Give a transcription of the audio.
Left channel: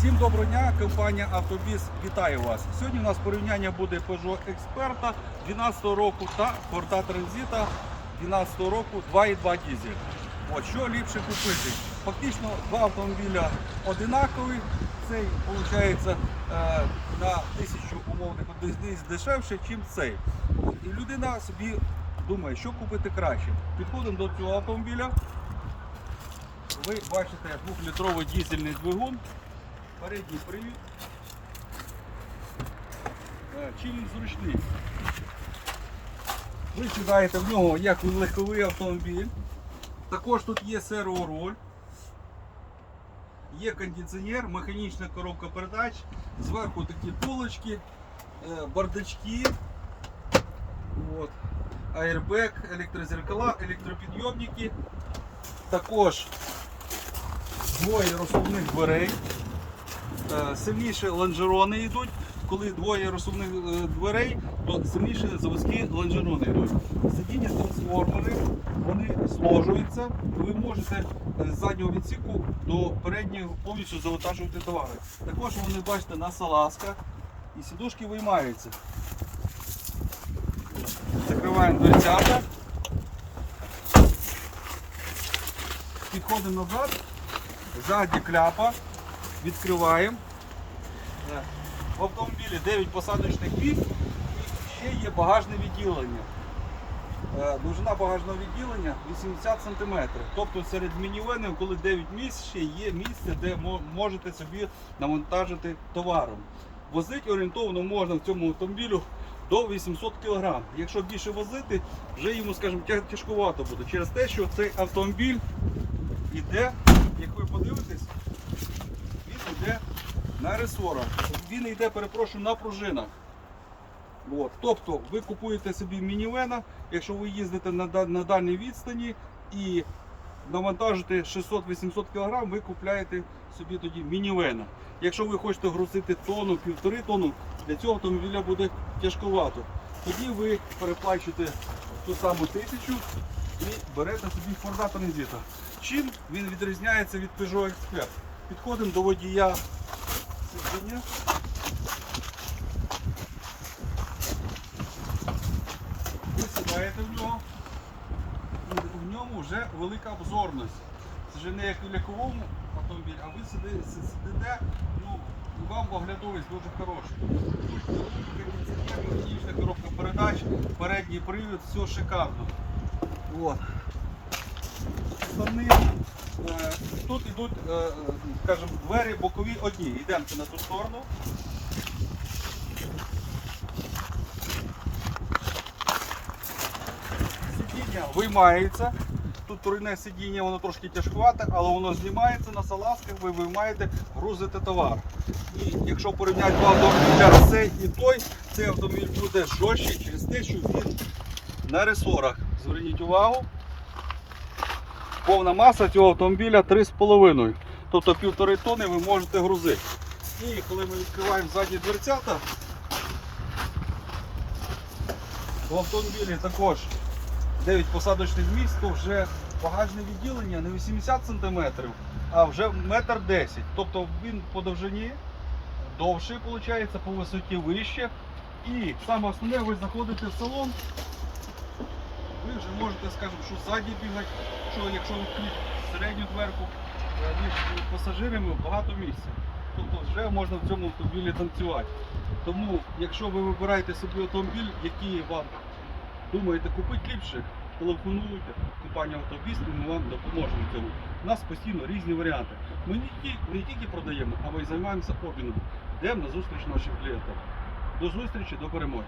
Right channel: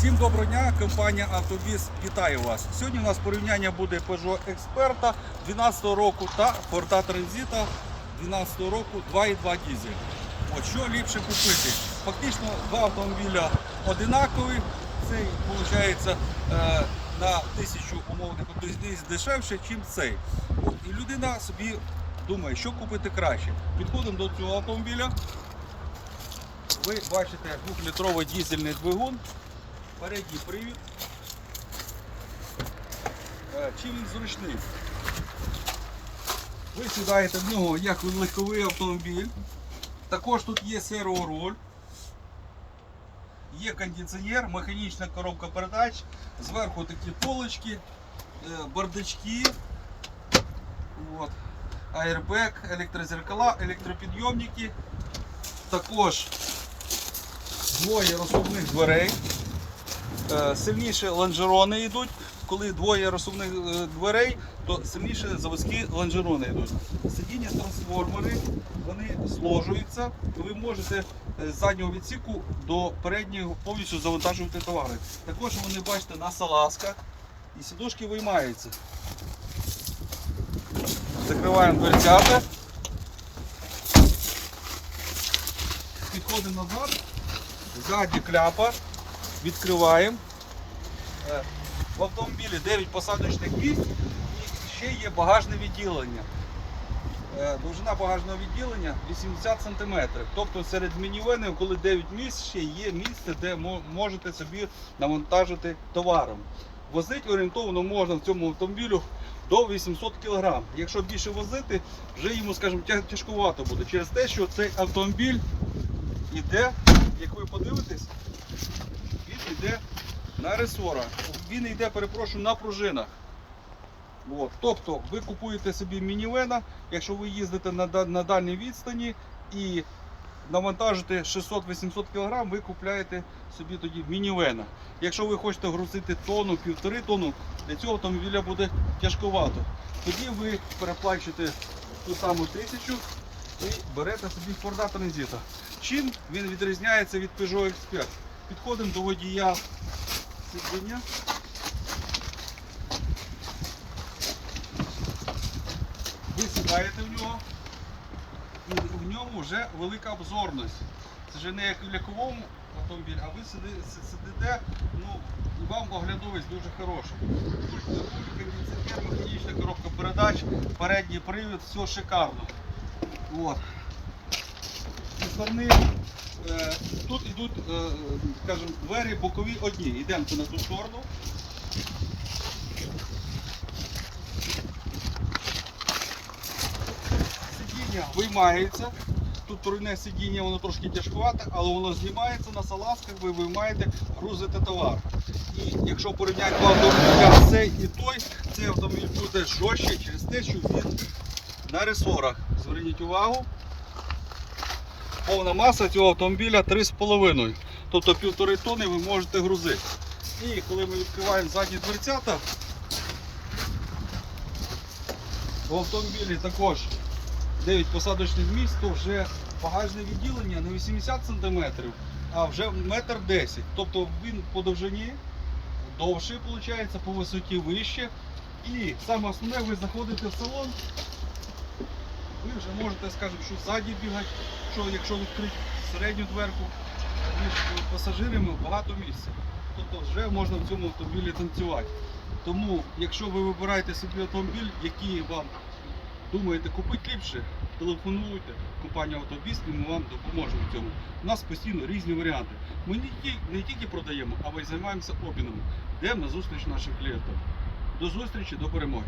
Всім доброго дня, компанія Автобіс вітає вас. Сьогодні у нас порівняння буде Peugeot Experta 12 року та Ford Transit 12 року 2.2 дізель. От що ліпше купити? Фактично два автомобіля одинакові. Цей виходить на тисячу умовних дешевше, ніж цей. От. І людина собі думає, що купити краще. Підходимо до цього автомобіля. Ви бачите 2-літровий дізельний двигун, передній привід. Е, Чим він зручний? Ви сідаєте в нього як легковий автомобіль. Також тут є серворуль, є кондиціонер, механічна коробка передач, зверху такі полочки, е, бардачки, от, аербек, електрозеркала, електропідйомники. Також двоє розсувних дверей. Е, Сильніші лонжерони йдуть. Коли двоє розсувних е, дверей, то сильніші заводські лонжерони йдуть. Сидіння трансформери, вони зложуються. Ви можете е, з заднього відсіку до переднього повністю завантажувати товари. Також вони бачите на салазках і сідушки виймаються. Закриваємо дверцята. Підходимо назад. Ззаді кляпа. Відкриваємо. Е, В автомобілі 9 посадочних місць і ще є багажне відділення. Е, Довжина багажного відділення 80 см. Тобто серед мінівенів, коли 9 місць, ще є місце, де можете собі навантажити товаром. Возити орієнтовно можна в цьому автомобілю до 800 кг. Якщо більше возити, вже йому, скажімо, тяжкувато буде через те, що цей автомобіль іде, як ви подивитесь, йде на ресорах. Він йде, перепрошую, на пружинах. От. Тобто ви купуєте собі мінівена, якщо ви їздите на, на дальній відстані і навантажите 600-800 кг, ви купляєте собі тоді мінівена. Якщо ви хочете грузити тонну, півтори тонну, для цього автомобіля буде тяжковато. Тоді ви переплачуєте ту саму тисячу і берете собі Ford Transit. Чим він відрізняється від Peugeot Expert? Підходимо до водія сидіння. Ви сідаєте в нього, і в ньому вже велика обзорність. Це вже не як у легковому автомобілі, а ви сиди- сидите, ну, і вам оглядовість дуже хороша. Пульт, руль, кондиціонер, механічна коробка передач, передній привід, все шикарно. От. Зі сторони тут йдуть, е, скажімо, двері бокові одні. Йдемо на ту сторону. Сидіння виймається. Тут турне сидіння, воно трошки тяжкувате, але воно знімається на салазках, ви виймаєте, грузите товар. І якщо порівняти два автомобіля, цей і той, цей автомобіль буде жорстче через те, що він на ресорах. Зверніть увагу. Повна маса цього автомобіля 3,5. Тобто півтори тонни ви можете грузити. І коли ми відкриваємо задні дверцята, в автомобілі також 9 посадочних місць, то вже багажне відділення не 80 см, а вже 1,10 м. Тобто він по довжині довший, виходить, по висоті вище. І саме основне, ви заходите в салон, ви вже можете, скажімо, що ззаді бігати, що якщо відкрити середню дверку між пасажирами багато місця. Тобто вже можна в цьому автомобілі танцювати. Тому, якщо ви вибираєте собі автомобіль, який вам думаєте купити ліпше, телефонуйте компанію Автобіс і ми вам допоможемо в цьому. У нас постійно різні варіанти. Ми не тільки, продаємо, а ми й займаємося обміном. Йдемо на зустріч нашим клієнтам. До зустрічі, до перемоги.